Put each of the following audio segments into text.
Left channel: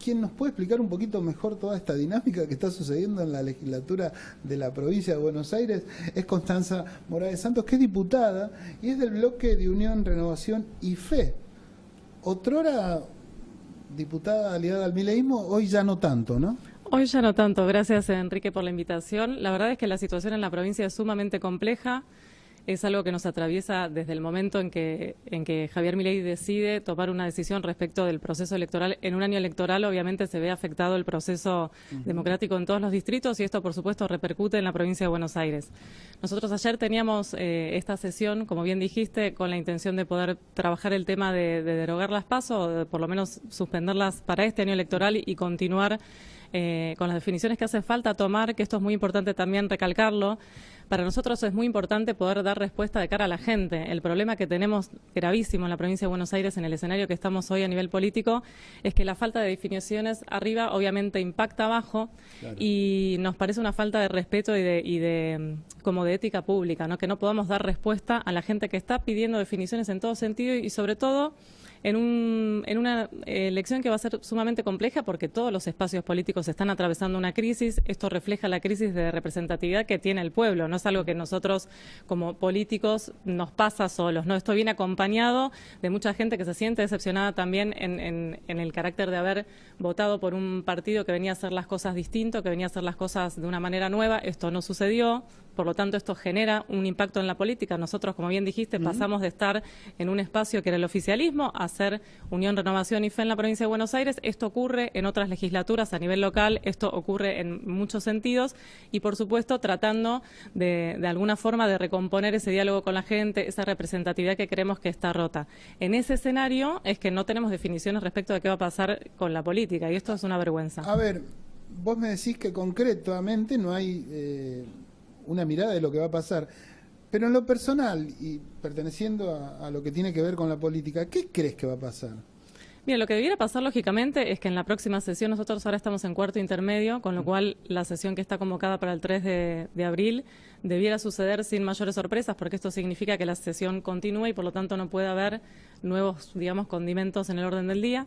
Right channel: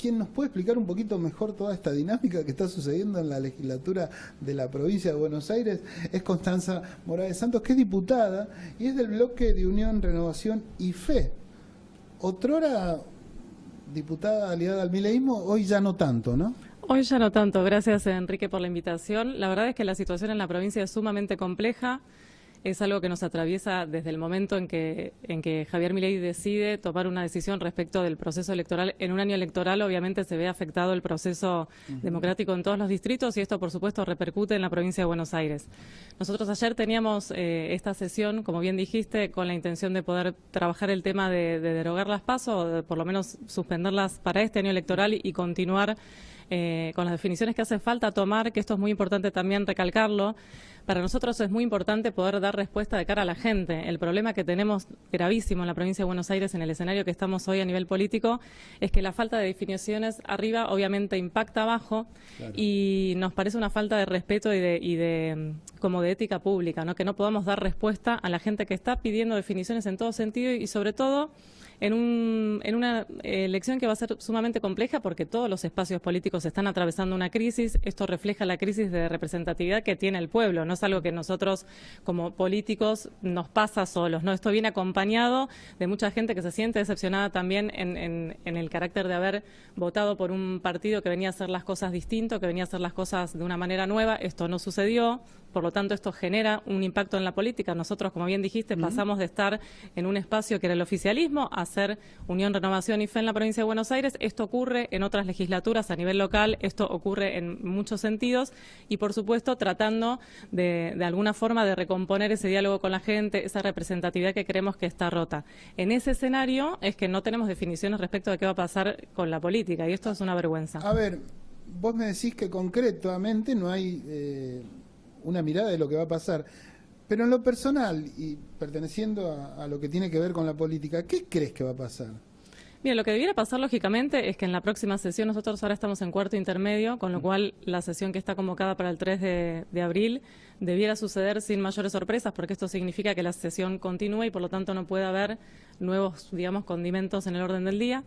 quien nos puede explicar un poquito mejor toda esta dinámica que está sucediendo en la legislatura de la provincia de Buenos Aires es Constanza Morales Santos, que es diputada y es del bloque de Unión, Renovación y Fe. Otrora diputada aliada al mileísmo, hoy ya no tanto, ¿no? Hoy ya no tanto. Gracias, Enrique, por la invitación. La verdad es que la situación en la provincia es sumamente compleja. Es algo que nos atraviesa desde el momento en que Javier Milei decide tomar una decisión respecto del proceso electoral. En un año electoral, obviamente, se ve afectado el proceso democrático en todos los distritos y esto, por supuesto, repercute en la provincia de Buenos Aires. Nosotros ayer teníamos esta sesión, como bien dijiste, con la intención de poder trabajar el tema de derogar las PASO, o de por lo menos suspenderlas para este año electoral y continuar con las definiciones que hace falta tomar, que esto es muy importante también recalcarlo. Para nosotros es muy importante poder dar respuesta de cara a la gente. El problema que tenemos gravísimo en la provincia de Buenos Aires, en el escenario que estamos hoy a nivel político, es que la falta de definiciones arriba obviamente impacta abajo, claro, y nos parece una falta de respeto como de ética pública, ¿no? Que no podamos dar respuesta a la gente que está pidiendo definiciones en todo sentido y sobre todo en una elección que va a ser sumamente compleja porque todos los espacios políticos están atravesando una crisis. Esto refleja la crisis de representatividad que tiene el pueblo, no es algo que nosotros como políticos nos pasa solos, ¿no? Esto viene acompañado de mucha gente que se siente decepcionada también en el carácter de haber votado por un partido que venía a hacer las cosas distinto, que venía a hacer las cosas de una manera nueva. Esto no sucedió. Por lo tanto, esto genera un impacto en la política. Nosotros, como bien dijiste, pasamos de estar en un espacio que era el oficialismo a ser Unión, Renovación y Fe en la provincia de Buenos Aires. Esto ocurre en otras legislaturas a nivel local, esto ocurre en muchos sentidos y, por supuesto, tratando de alguna forma de recomponer ese diálogo con la gente, esa representatividad que creemos que está rota. En ese escenario es que no tenemos definiciones respecto de qué va a pasar con la política y esto es una vergüenza. A ver, vos me decís que concretamente no hay una mirada de lo que va a pasar. Pero en lo personal, y perteneciendo a lo que tiene que ver con la política, ¿qué crees que va a pasar? Bien, lo que debiera pasar lógicamente es que en la próxima sesión, nosotros ahora estamos en cuarto intermedio, con lo cual la sesión que está convocada para el 3 de abril debiera suceder sin mayores sorpresas, porque esto significa que la sesión continúa y por lo tanto no puede haber nuevos, digamos, condimentos en el orden del día.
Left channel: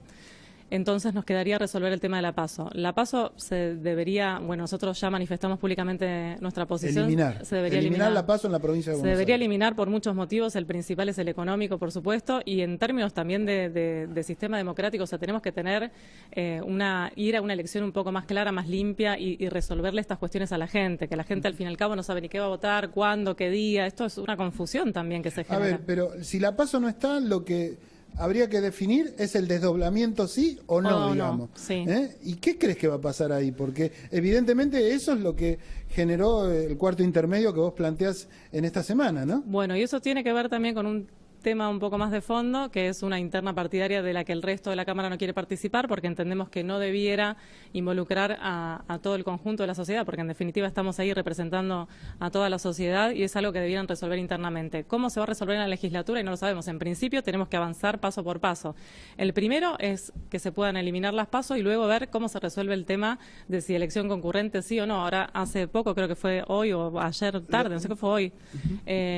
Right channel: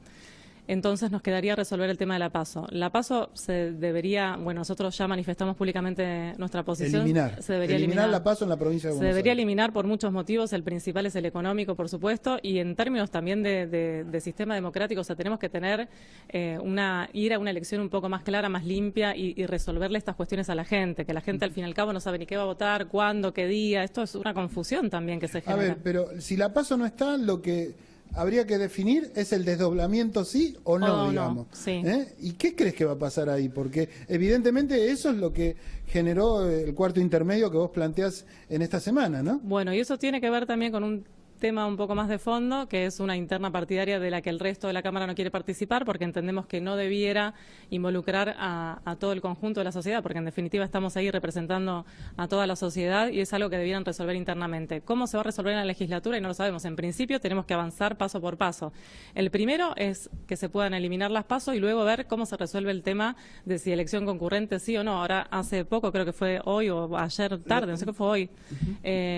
Entonces nos quedaría resolver el tema de la PASO. La PASO se debería, bueno, nosotros ya manifestamos públicamente nuestra posición. Se debería eliminar la PASO en la provincia de Buenos Aires. Se debería eliminar por muchos motivos, el principal es el económico, por supuesto, y en términos también de sistema democrático, o sea, tenemos que tener ir a una elección un poco más clara, más limpia y resolverle estas cuestiones a la gente, que la gente al fin y al cabo no sabe ni qué va a votar, cuándo, qué día, esto es una confusión también que se genera. A ver, pero si la PASO no está, lo que habría que definir es el desdoblamiento, sí o no, digamos. Sí. ¿Y qué crees que va a pasar ahí? Porque evidentemente eso es lo que generó el cuarto intermedio que vos planteás en esta semana, ¿no? Bueno, y eso tiene que ver también con un tema un poco más de fondo, que es una interna partidaria de la que el resto de la Cámara no quiere participar, porque entendemos que no debiera involucrar a todo el conjunto de la sociedad, porque en definitiva estamos ahí representando a toda la sociedad y es algo que debieran resolver internamente. ¿Cómo se va a resolver en la legislatura? Y no lo sabemos. En principio tenemos que avanzar paso por paso. El primero es que se puedan eliminar las PASO y luego ver cómo se resuelve el tema de si elección concurrente sí o no. Ahora, hace poco, creo que fue hoy o ayer tarde, no sé qué fue hoy,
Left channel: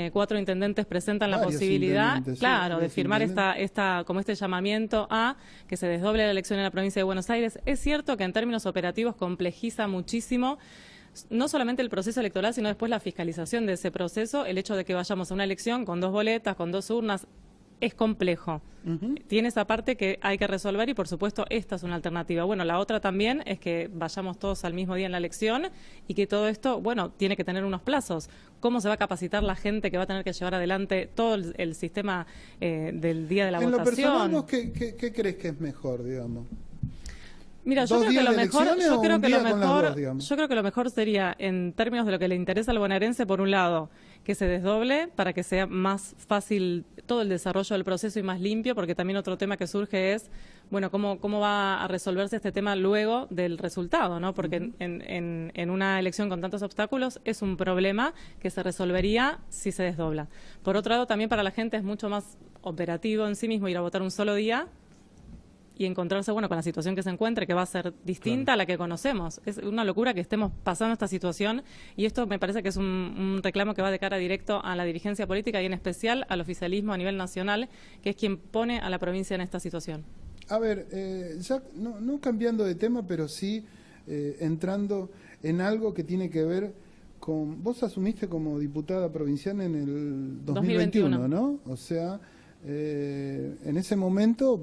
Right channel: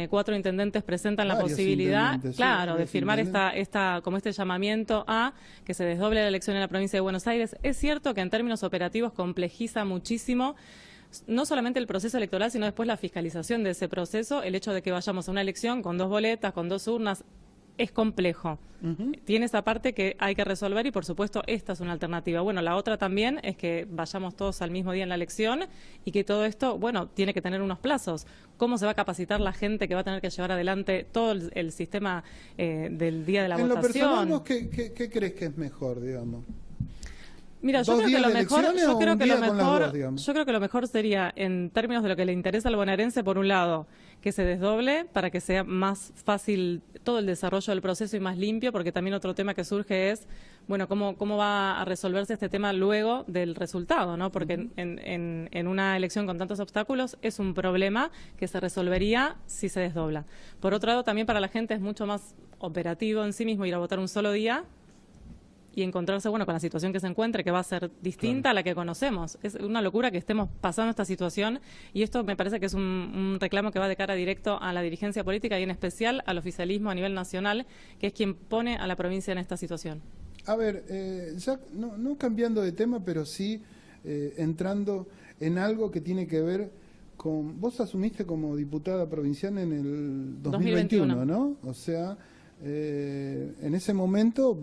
4 intendentes presentan la posibilidad, claro, de firmar como este llamamiento a que se desdoble la elección en la provincia de Buenos Aires. Es cierto que en términos operativos complejiza muchísimo no solamente el proceso electoral, sino después la fiscalización de ese proceso. El hecho de que vayamos a una elección con 2 boletas, con 2 urnas, es complejo. Tiene esa parte que hay que resolver y, por supuesto, esta es una alternativa. Bueno, la otra también es que vayamos todos al mismo día en la elección y que todo esto, bueno, tiene que tener unos plazos. ¿Cómo se va a capacitar la gente que va a tener que llevar adelante todo el sistema del día de la votación? En lo personal, ¿qué crees que es mejor, digamos? Mira, yo creo que lo mejor sería, en términos de lo que le interesa al bonaerense, por un lado, que se desdoble para que sea más fácil todo el desarrollo del proceso y más limpio, porque también otro tema que surge es, bueno, cómo va a resolverse este tema luego del resultado, ¿no? Porque en una elección con tantos obstáculos es un problema que se resolvería si se desdobla. Por otro lado, también para la gente es mucho más operativo en sí mismo ir a votar un solo día y encontrarse, bueno, con la situación que se encuentre, que va a ser distinta a la que conocemos. Es una locura que estemos pasando esta situación y esto me parece que es un reclamo que va de cara directo a la dirigencia política y en especial al oficialismo a nivel nacional, que es quien pone a la provincia en esta situación. A ver, ya no cambiando de tema, pero sí entrando en algo que tiene que ver con... Vos asumiste como diputada provincial en el 2021, ¿no? O sea, en ese momento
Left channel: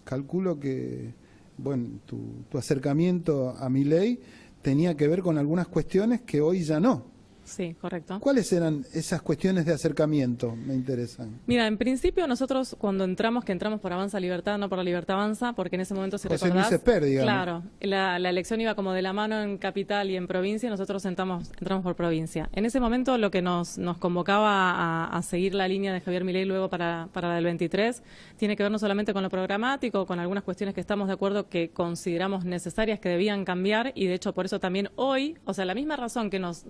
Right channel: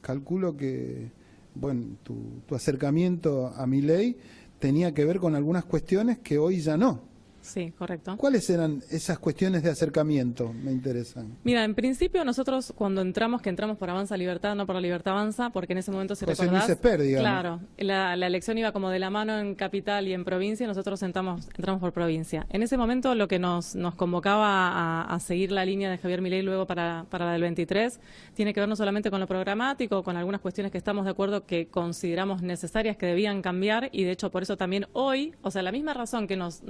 calculo que, bueno, tu acercamiento a Milei tenía que ver con algunas cuestiones que hoy ya no. Sí, correcto. ¿Cuáles eran esas cuestiones de acercamiento? Me interesan. Mira, en principio nosotros cuando entramos, que entramos por Avanza Libertad, no por Libertad Avanza, porque en ese momento, si recordás, claro, la elección iba como de la mano en capital y en provincia, y nosotros entramos por provincia. En ese momento lo que nos convocaba a seguir la línea de Javier Milei luego para el 23 tiene que ver no solamente con lo programático, con algunas cuestiones que estamos de acuerdo que consideramos necesarias, que debían cambiar, y de hecho por eso también hoy, o sea, la misma razón que nos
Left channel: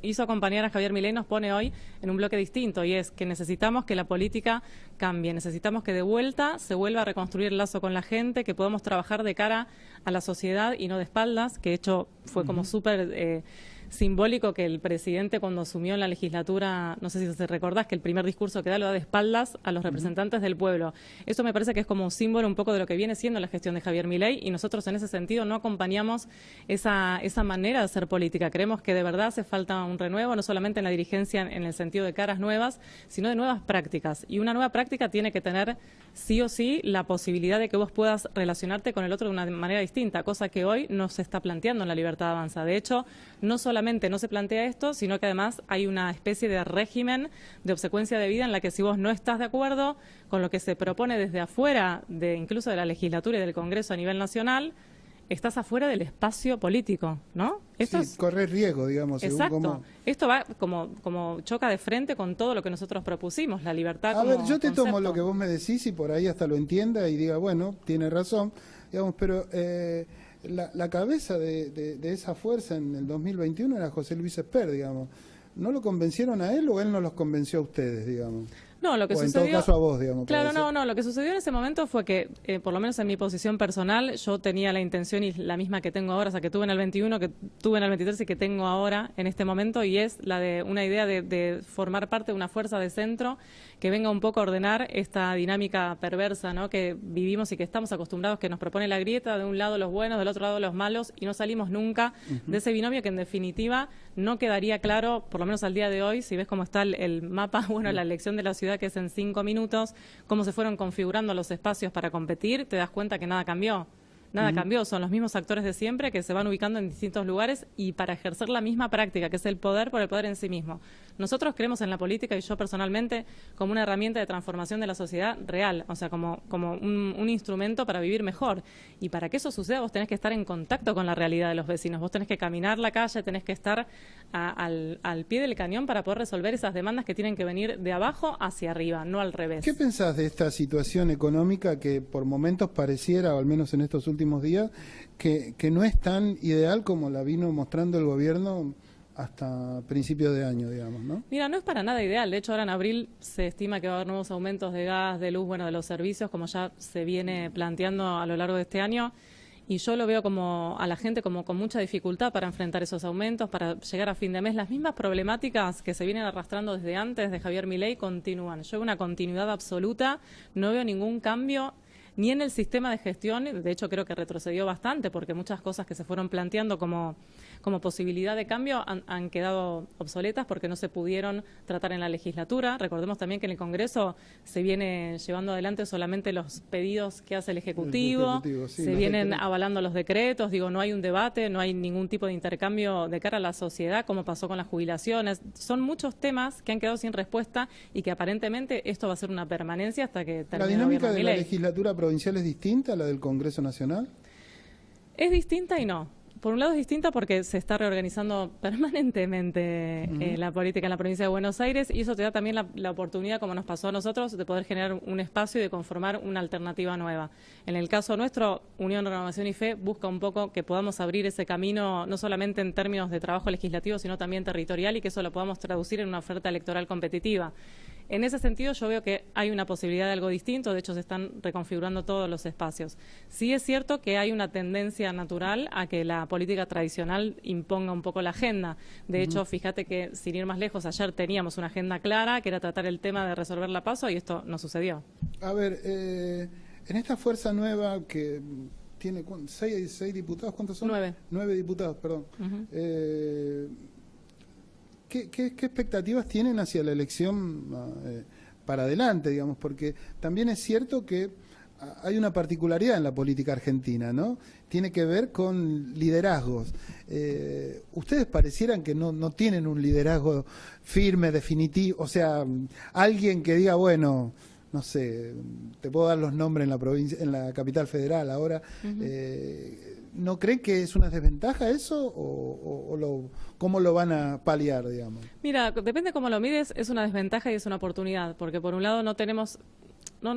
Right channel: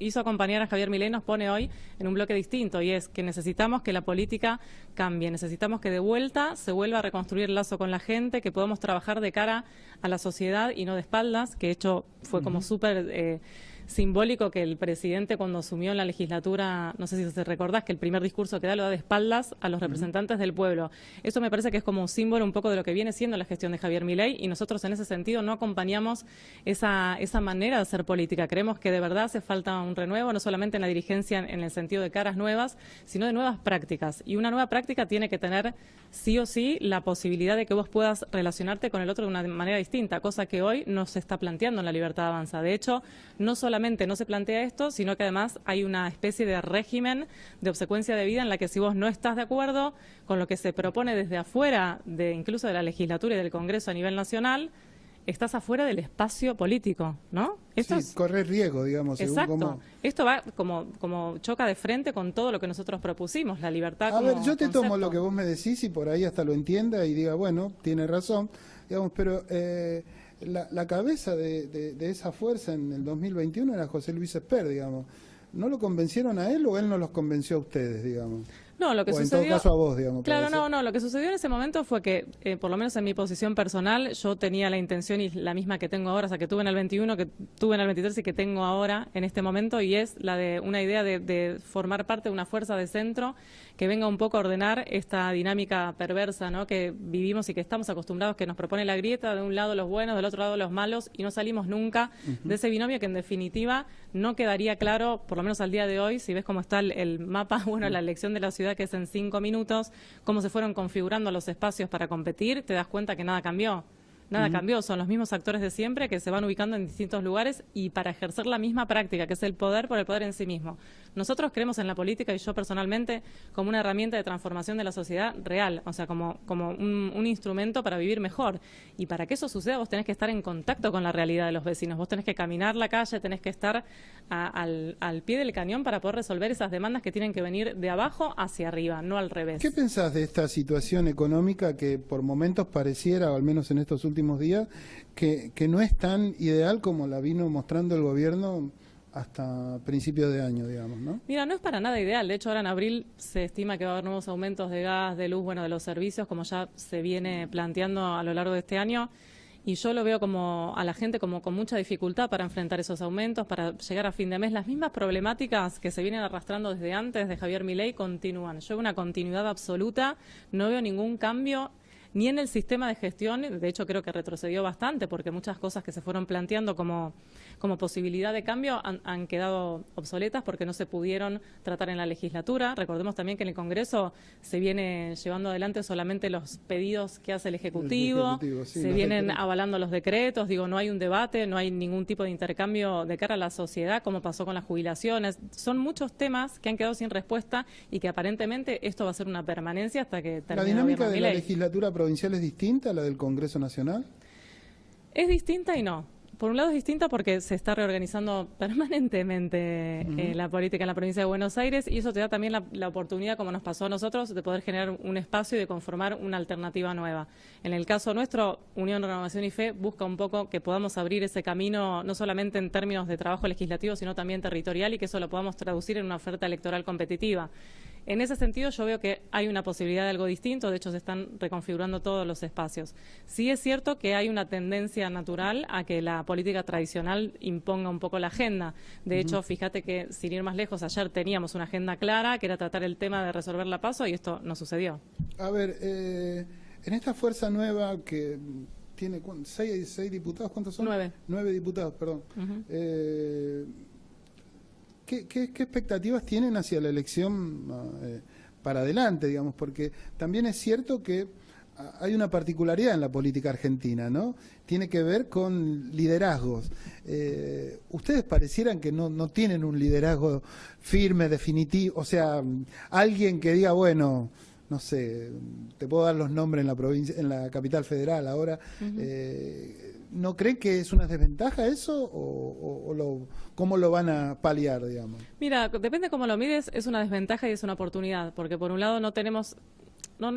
hizo acompañar a Javier Milei nos pone hoy en un bloque distinto, y es que necesitamos que la política cambie, necesitamos que de vuelta se vuelva a reconstruir el lazo con la gente, que podamos trabajar de cara a la sociedad y no de espaldas, que de hecho fue como súper simbólico que el presidente cuando asumió la legislatura, no sé si te recordás, que el primer discurso que da lo da de espaldas a los representantes del pueblo. Eso me parece que es como un símbolo un poco de lo que viene siendo la gestión de Javier Milei, y nosotros en ese sentido no acompañamos esa manera de hacer política. Creemos que de verdad hace falta un renuevo, no solamente en la dirigencia en el sentido de caras nuevas, sino de nuevas prácticas. Y una nueva práctica tiene que tener sí o sí la posibilidad de que vos puedas relacionarte con el otro de una manera distinta, cosa que hoy no se está planteando en la Libertad Avanza. De hecho, no solamente no se plantea esto, sino que además hay una especie de régimen de obsecuencia de vida en la que si vos no estás de acuerdo con lo que se propone desde afuera, incluso de la legislatura y del Congreso a nivel nacional, estás afuera del espacio político, ¿no? Esto sí, correr riesgo, digamos. Exacto. Esto va como choca de frente con todo lo que nosotros propusimos, la libertad. A ver, yo te tomo lo que vos me decís y por ahí hasta lo entienda y diga, bueno, tiene razón, digamos, pero la cabeza de esa fuerza en el 2021 era José Luis Esper, digamos. ¿No lo convencieron a él o él no los convenció a ustedes, digamos? No, lo que o sucedió, en todo caso a vos, digamos. Claro, no, lo que sucedió en ese momento fue que, por lo menos en mi posición personal, yo tenía la intención y la misma que tengo ahora, o sea, que tuve en el 21, que tuve en el 23 y que tengo ahora en este momento, y es la de una idea de formar parte de una fuerza de centro que venga un poco a ordenar esta dinámica perversa, ¿no?, que vivimos y que estamos acostumbrados, que nos propone la grieta, de un lado los buenos, del otro lado los malos, y no salimos nunca de ese binomio que en definitiva no quedaría claro, por lo menos al día de hoy, si ves cómo está el mapa, bueno, la elección de la ciudad, que es en 5 minutos, cómo se fueron configurando los espacios para competir, te das cuenta que nada cambió. Nada cambió, son los mismos actores de siempre que se van ubicando en distintos lugares y para ejercer la misma práctica, que es el poder por el poder en sí mismo. Nosotros creemos en la política, y yo personalmente, como una herramienta de transformación de la sociedad real, o sea, como un instrumento para vivir mejor. Y para que eso suceda vos tenés que estar en contacto con la realidad de los vecinos, vos tenés que caminar la calle, tenés que estar al pie del cañón para poder resolver esas demandas que tienen que venir de abajo hacia arriba, no al revés. ¿Qué pensás de esta situación económica que por momentos pareciera, o al menos en estos últimos días, que no es tan ideal como la vino mostrando el gobierno hasta principios de año, digamos, ¿no? Mira, no es para nada ideal. De hecho, ahora en abril se estima que va a haber nuevos aumentos de gas, de luz, bueno, de los servicios, como ya se viene planteando a lo largo de este año. Y yo lo veo como a la gente como con mucha dificultad para enfrentar esos aumentos, para llegar a fin de mes. Las mismas problemáticas que se vienen arrastrando desde antes de Javier Milei continúan. Yo una continuidad absoluta, no veo ningún cambio ni en el sistema de gestión. De hecho, creo que retrocedió bastante porque muchas cosas que se fueron planteando como posibilidad de cambio han quedado obsoletas porque no se pudieron tratar en la legislatura. Recordemos también que en el Congreso se viene llevando adelante solamente los pedidos que hace el Ejecutivo, sí, se vienen avalando los decretos, no hay un debate, no hay ningún tipo de intercambio de cara a la sociedad, como pasó con las jubilaciones. Son muchos temas que han quedado sin respuesta y que aparentemente esto va a ser una permanencia hasta que termine. ¿La dinámica de la legislatura provincial es distinta a la del Congreso Nacional? Es distinta y no. Por un lado es distinta porque se está reorganizando permanentemente la política en la provincia de Buenos Aires, y eso te da también la oportunidad, como nos pasó a nosotros, de poder generar un espacio y de conformar una alternativa nueva. En el caso nuestro, Unión, Renovación y Fe busca un poco que podamos abrir ese camino, no solamente en términos de trabajo legislativo, sino también territorial, y que eso lo podamos traducir en una oferta electoral competitiva. En ese sentido yo veo que hay una posibilidad de algo distinto, de hecho se están reconfigurando todos los espacios. Sí es cierto que hay una tendencia natural a que la política tradicional imponga un poco la agenda. De hecho, fíjate que, sin ir más lejos, ayer teníamos una agenda clara, que era tratar el tema de resolver la PASO, y esto no sucedió. A ver, En esta fuerza nueva que tiene seis diputados, ¿cuántos son? 9. 9 diputados, perdón. Uh-huh. ¿Qué expectativas tienen hacia la elección para adelante, digamos? Porque también es cierto que hay una particularidad en la política argentina, ¿no? Tiene que ver con liderazgos. Ustedes parecieran que no tienen un liderazgo firme, definitivo, o sea, alguien que diga, bueno, no sé, te puedo dar los nombres en la provincia, en la capital federal ahora. Uh-huh. ¿No cree que es una desventaja eso cómo lo van a paliar, digamos? Mira, depende cómo lo mires, es una desventaja y es una oportunidad, porque por un lado no es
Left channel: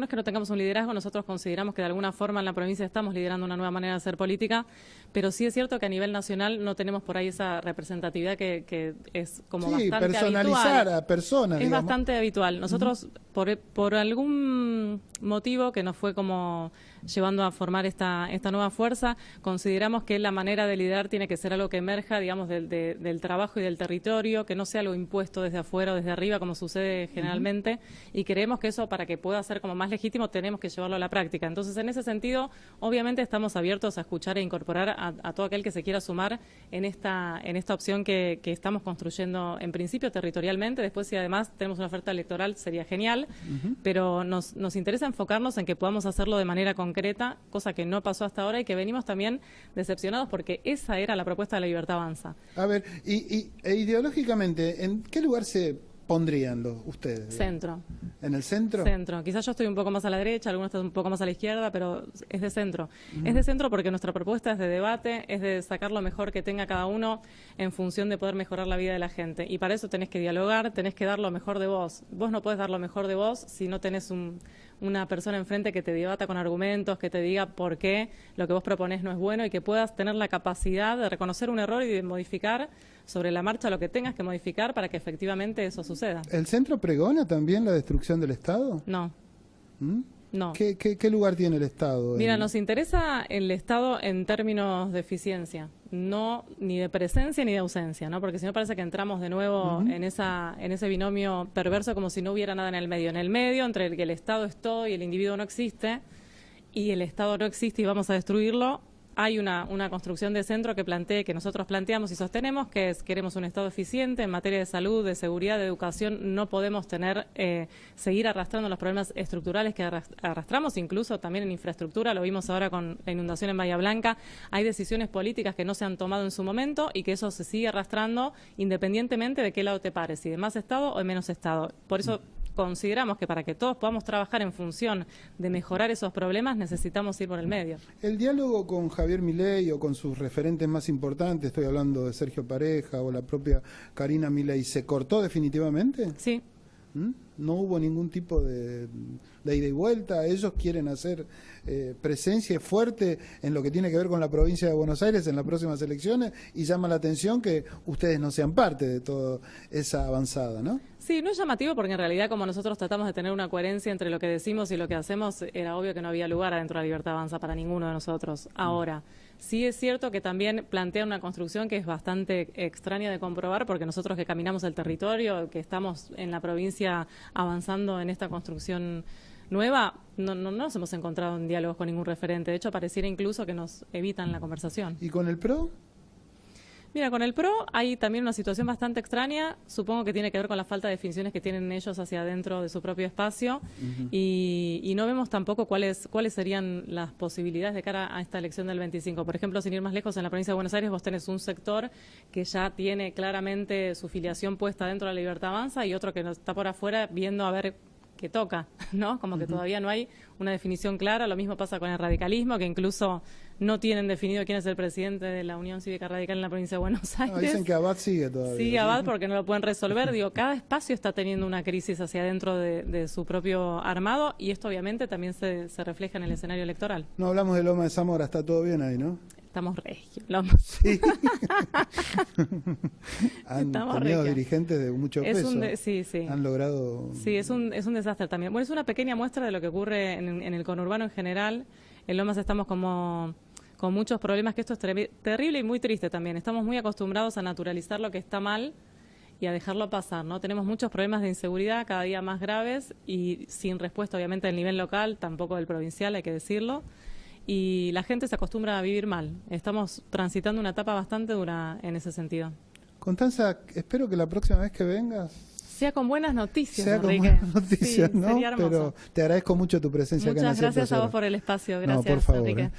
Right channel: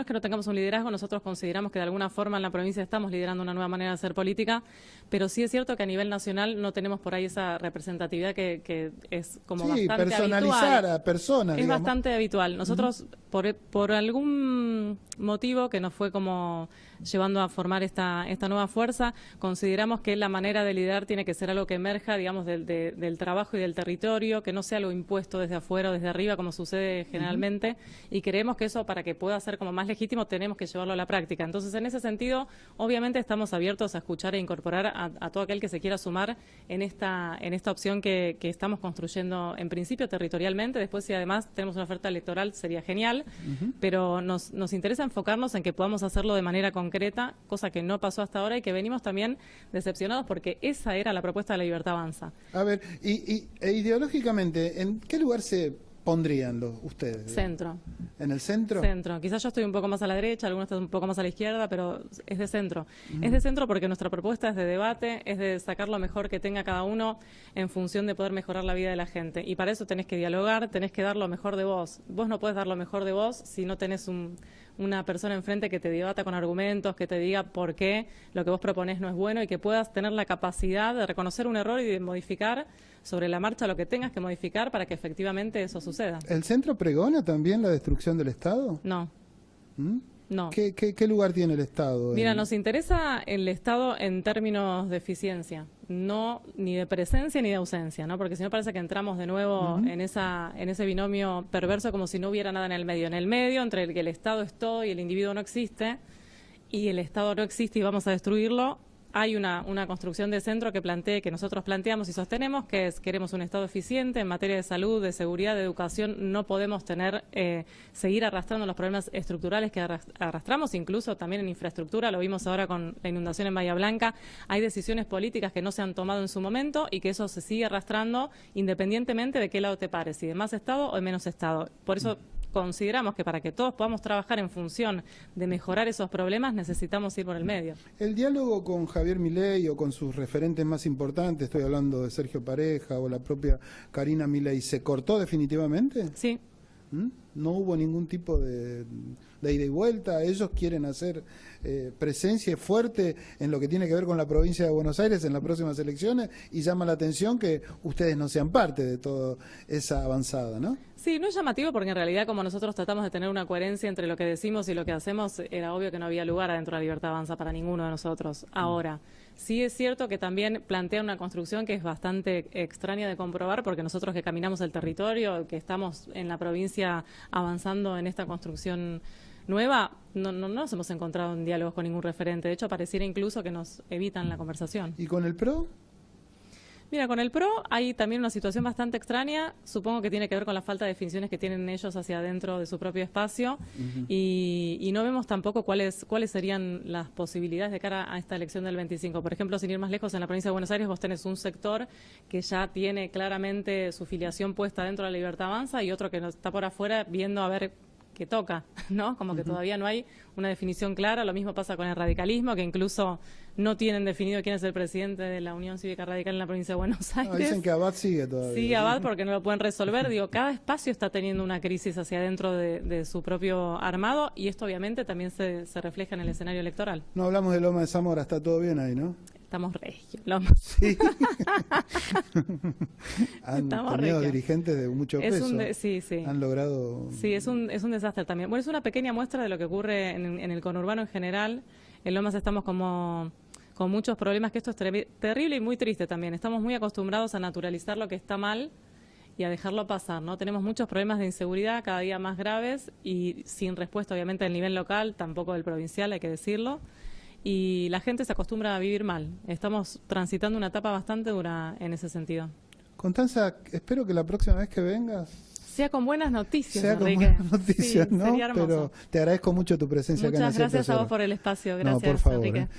que no tengamos un liderazgo, nosotros consideramos que de alguna forma en la provincia estamos liderando una nueva manera de hacer política, pero sí es cierto que a nivel nacional no tenemos por ahí esa representatividad que es como bastante personalizada, habitual. Es bastante habitual. Nosotros, por algún motivo que nos fue como llevando a formar esta nueva fuerza, consideramos que la manera de liderar tiene que ser algo que emerja, digamos, del trabajo y del territorio, que no sea algo impuesto desde afuera o desde arriba, como sucede generalmente, y creemos que eso, para que pueda ser como más legítimo, tenemos que llevarlo a la práctica. Entonces, en ese sentido, obviamente estamos abiertos a escuchar e incorporar a todo aquel que se quiera sumar en esta opción que estamos construyendo en principio territorialmente. Después, si además tenemos una oferta electoral, sería genial, pero nos interesa enfocarnos en que podamos hacerlo de manera concreta, cosa que no pasó hasta ahora y que venimos también decepcionados porque esa era la propuesta de La Libertad Avanza. A ver, ideológicamente, ¿en qué lugar se pondrían ustedes? Centro. ¿En el centro? Centro. Quizás yo estoy un poco más a la derecha, algunos están un poco más a la izquierda, pero es de centro. Es de centro porque nuestra propuesta es de debate, es de sacar lo mejor que tenga cada uno en función de poder mejorar la vida de la gente. Y para eso tenés que dialogar, tenés que dar lo mejor de vos. Vos no podés dar lo mejor de vos si no tenés una persona enfrente que te debata con argumentos, que te diga por qué lo que vos proponés no es bueno y que puedas tener la capacidad de reconocer un error y de modificar sobre la marcha lo que tengas que modificar para que efectivamente eso suceda. ¿El centro pregona también la destrucción del Estado? No. No. ¿Qué lugar tiene el Estado? Mira, nos interesa el Estado en términos de eficiencia, no ni de presencia ni de ausencia, ¿no? Porque si no parece que entramos de nuevo en ese binomio perverso como si no hubiera nada en el medio. En el medio, entre el que el Estado es todo y el individuo no existe, y el Estado no existe y vamos a destruirlo, hay una construcción de centro que nosotros planteamos y sostenemos, que es: queremos un Estado eficiente en materia de salud, de seguridad, de educación. No podemos seguir arrastrando los problemas estructurales que arrastramos, incluso también en infraestructura. Lo vimos ahora con la inundación en Bahía Blanca. Hay decisiones políticas que no se han tomado en su momento y que eso se sigue arrastrando independientemente de qué lado te pares, si de más Estado o de menos Estado. Por eso consideramos que para que todos podamos trabajar en función de mejorar esos problemas necesitamos ir por el medio. ¿El diálogo con Javier Milei o con sus referentes más importantes, estoy hablando de Sergio Pareja o la propia Karina Milei, se cortó definitivamente? Sí. ¿No hubo ningún tipo de ida y vuelta? ¿Ellos quieren hacer presencia fuerte en lo que tiene que ver con la provincia de Buenos Aires en las próximas elecciones? Y llama la atención que ustedes no sean parte de toda esa avanzada, ¿no? Sí, no es llamativo porque en realidad, como nosotros tratamos de tener una coherencia entre lo que decimos y lo que hacemos, era obvio que no había lugar dentro de la Libertad Avanza para ninguno de nosotros. Ahora, sí es cierto que también plantea una construcción que es bastante extraña de comprobar, porque nosotros que caminamos el territorio, que estamos en la provincia avanzando en esta construcción nueva, no nos hemos encontrado en diálogo con ningún referente. De hecho, pareciera incluso que nos evitan la conversación. ¿Y con el PRO? Mira, con el PRO hay también una situación bastante extraña. Supongo que tiene que ver con la falta de definiciones que tienen ellos hacia adentro de su propio espacio. Y no vemos tampoco cuáles serían las posibilidades de cara a esta elección del 25. Por ejemplo, sin ir más lejos, en la provincia de Buenos Aires vos tenés un sector que ya tiene claramente su filiación puesta dentro de la Libertad Avanza y otro que nos está por afuera viendo a ver qué toca, ¿no? Como que todavía no hay una definición clara. Lo mismo pasa con el radicalismo, que incluso no tienen definido quién es el presidente de la Unión Cívica Radical en la provincia de Buenos Aires. No, dicen que Abad sigue todavía. Sigue Abad porque no lo pueden resolver. Digo, cada espacio está teniendo una crisis hacia adentro de su propio armado y esto obviamente también se refleja en el escenario electoral. No hablamos de Loma de Zamora, está todo bien ahí, ¿no? Estamos regios. Sí. Han tenido dirigentes de mucho peso. Sí. Han logrado... Sí, es un desastre también. Bueno, es una pequeña muestra de lo que ocurre en el conurbano en general. En Lomas estamos como con muchos problemas, que esto es terrible y muy triste también. Estamos muy acostumbrados a naturalizar lo que está mal y a dejarlo pasar, ¿no? Tenemos muchos problemas de inseguridad cada día más graves y sin respuesta, obviamente, a nivel local, tampoco del provincial, hay que decirlo. Y la gente se acostumbra a vivir mal. Estamos transitando una etapa bastante dura en ese sentido. Constanza, espero que la próxima vez que vengas sea con buenas noticias. Sea con Enrique. buenas noticias, Sí, ¿no? sería hermoso. Pero te agradezco mucho tu presencia acá en Muchas el gracias 100%. a vos por el espacio. No, Gracias, por favor, Enrique.